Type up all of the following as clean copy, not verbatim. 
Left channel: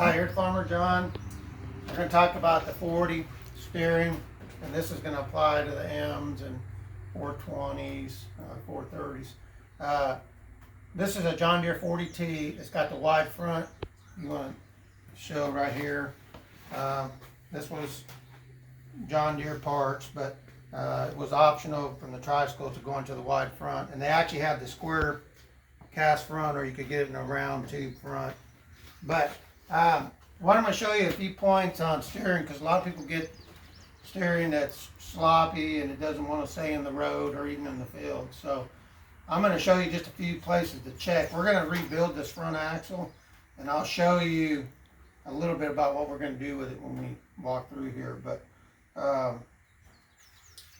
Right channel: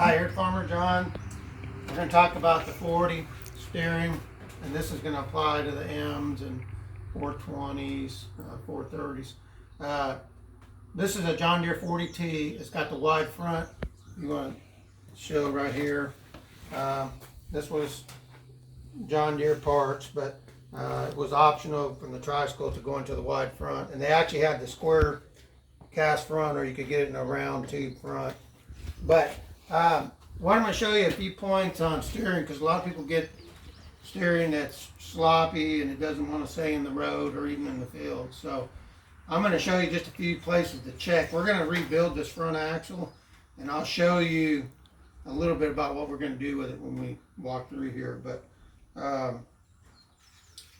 Hi, here's Farmer John. We're going to talk about the 40 steering, and this is going to apply to the M's and 420s, 430s. This is a John Deere 40T. It's got the wide front. You want to show right here. This was John Deere parts, but it was optional from the tri-school to go into the wide front. And they actually had the square cast front, or you could get it in a round tube front. But what I'm going to show you a few points on steering, because a lot of people get steering that's sloppy and it doesn't want to stay in the road or even in the field. So I'm going to show you just a few places to check. We're going to rebuild this front axle, and I'll show you a little bit about what we're going to do with it when we walk through here. But let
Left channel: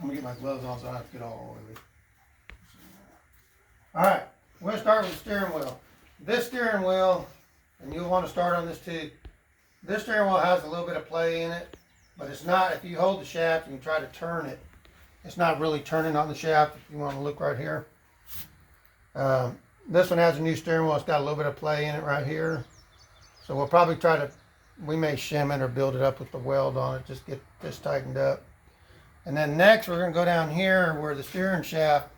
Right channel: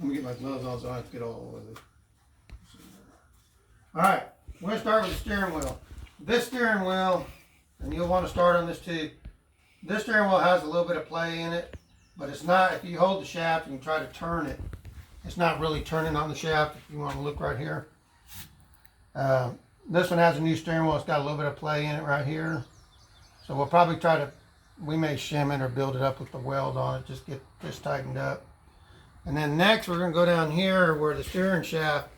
me get my gloves on so I don't have to get all over it. All right, we're going to start with the steering wheel. This steering wheel, and you'll want to start on this too. This steering wheel has a little bit of play in it, but it's not, if you hold the shaft and you try to turn it, it's not really turning on the shaft. If you want to look right here. This one has a new steering wheel. It's got a little bit of play in it right here. So we'll probably try to, we may shim it or build it up with the weld on it, just get this tightened up. And then next we're going to go down here where the steering shaft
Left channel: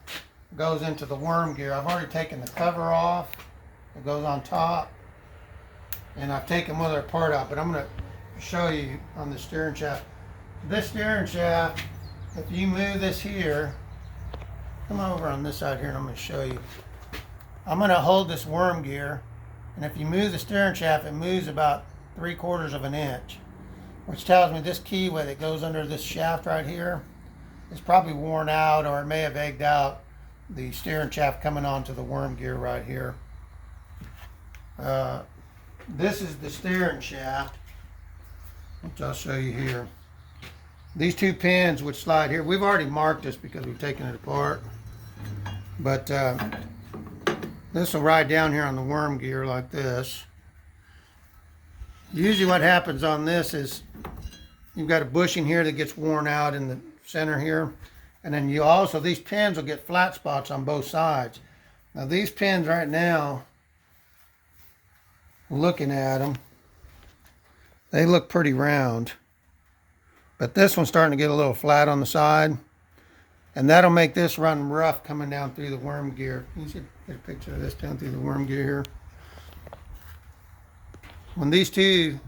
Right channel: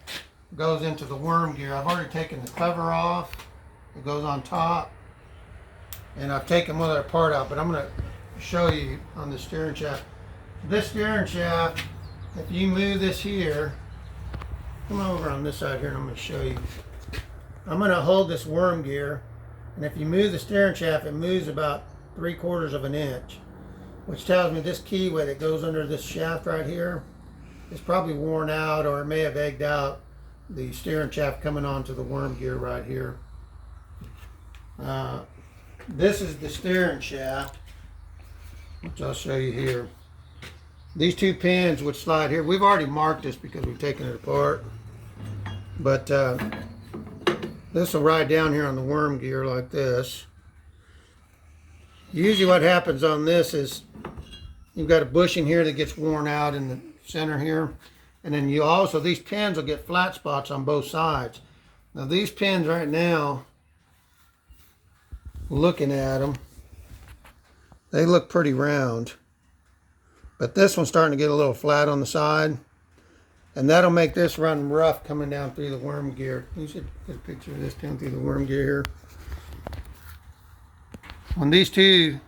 goes into the worm gear. I've already taken the cover off. It goes on top. And I've taken one other part out, but I'm going to show you on the steering shaft. This steering shaft, if you move this here, come over on this side here and I'm going to show you. I'm going to hold this worm gear, and if you move the steering shaft, it moves about 3/4 of an inch, which tells me this keyway that goes under this shaft right here is probably worn out, or it may have egged out the steering shaft coming onto the worm gear right here. This is the steering shaft, which I'll show you here. These two pins would slide here. We've already marked this because we've taken it apart. But this will ride down here on the worm gear like this. Usually what happens on this is you've got a bushing here that gets worn out in the center here. And then you also, these pins will get flat spots on both sides. Now these pins right now, looking at them, they look pretty round, but this one's starting to get a little flat on the side, and that'll make this run rough coming down through the worm gear. You should get a picture of this down through the worm gear here. When these two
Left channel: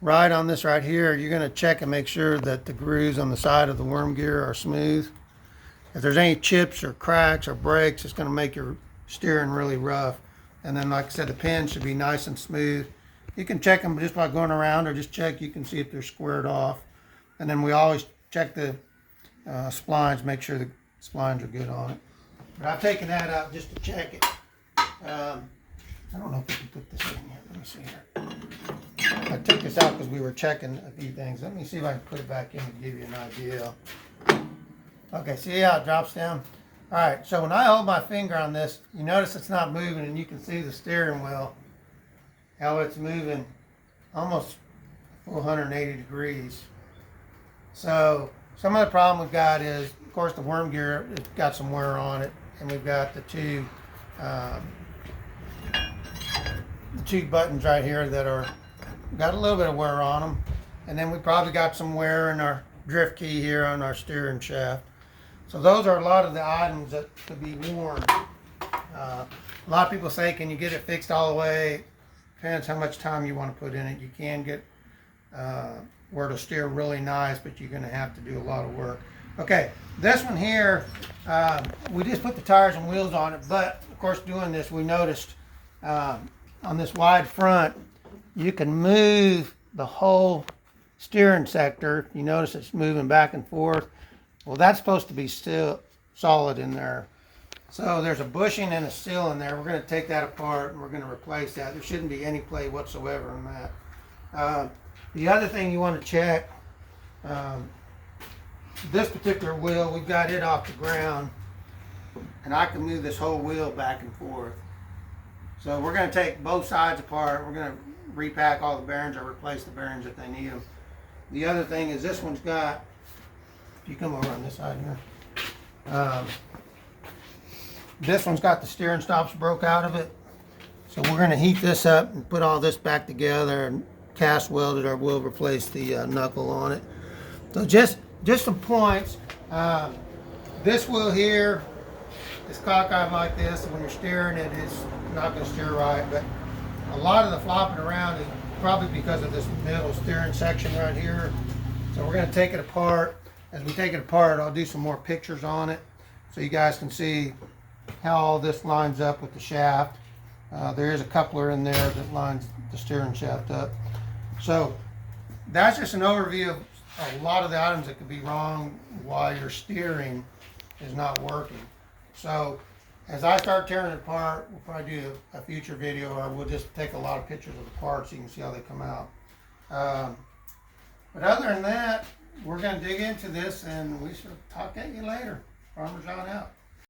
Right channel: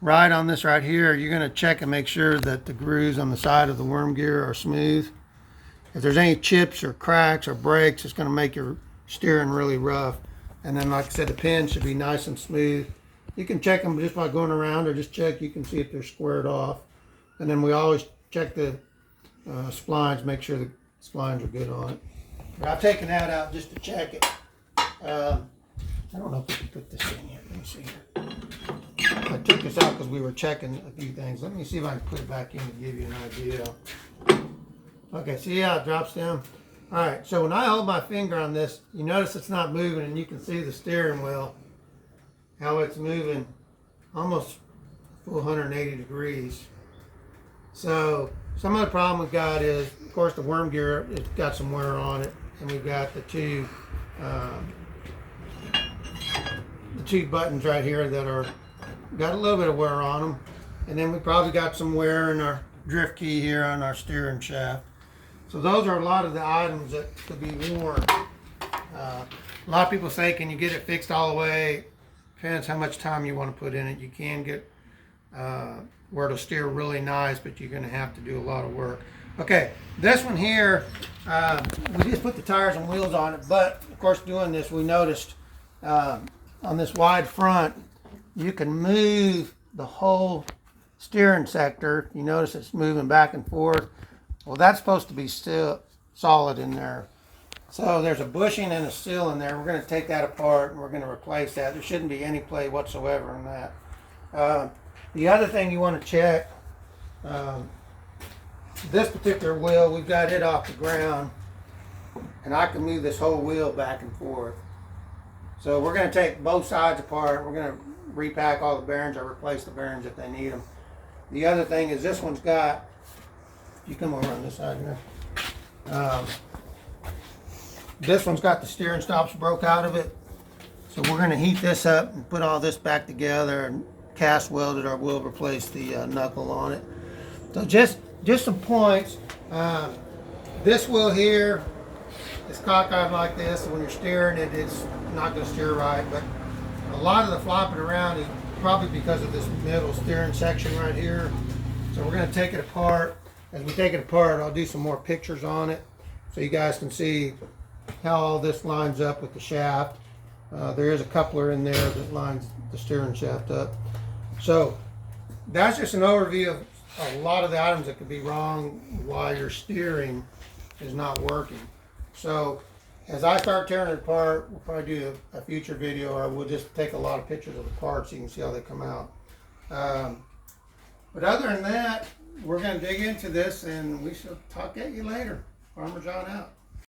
ride on this right here, you're going to check and make sure that the grooves on the side of the worm gear are smooth. If there's any chips or cracks or breaks, it's going to make your steering really rough. And then, like I said, the pins should be nice and smooth. You can check them just by going around, or just check. You can see if they're squared off. And then we always check the splines, make sure the splines are good on it. But I've taken that out just to check it. I don't know if we can put this in here. Let me see here. I took this out because we were checking a few things. Let me see if I can put it back in to give you an idea. Okay, see how it drops down? All right, so when I hold my finger on this, you notice it's not moving, and you can see the steering wheel, how it's moving almost 180 degrees. So some of the problem we've got is, of course, the worm gear, it's got some wear on it, and we've got the two buttons right here that are got a little bit of wear on them, and then we probably got some wear in our drift key here on our steering shaft. So those are a lot of the items that could be worn. A lot of people say, can you get it fixed all the way? Depends how much time you want to put in it. You can get where it'll steer really nice, but you're going to have to do a lot of work. Okay, this one here, we just put the tires and wheels on it, but of course doing this, we noticed on this wide front, you can move the whole steering sector. You notice it's moving back and forth. Well, that's supposed to be still solid in there. So there's a bushing and a seal in there. We're going to take that apart and we're going to replace that. There shouldn't be any play whatsoever in that. The other thing you want to check, this particular wheel, we've got it off the ground, and I can move this whole wheel back and forth. So we're going to take both sides apart. We're going to repack all the bearings or replace the bearings if they need them. The other thing is this one's got, you come over on this side here. This one's got the steering stops broke out of it. So we're going to heat this up and put all this back together and cast welded, or we'll replace the knuckle on it. So just some points. This wheel here is cockeyed like this, and when you're steering it, it's not going to steer right. But a lot of the flopping around is probably because of this middle steering section right here. So we're going to take it apart. As we take it apart, I'll do some more pictures on it so you guys can see how all this lines up with the shaft. There is a coupler in there that lines the steering shaft up. So that's just an overview of a lot of the items that could be wrong while your steering is not working. So as I start tearing it apart, we'll probably do a future video, or we'll just take a lot of pictures of the parts so you can see how they come out. But other than that, we're going to dig into this, and we shall talk at you later. Farmerjohn out.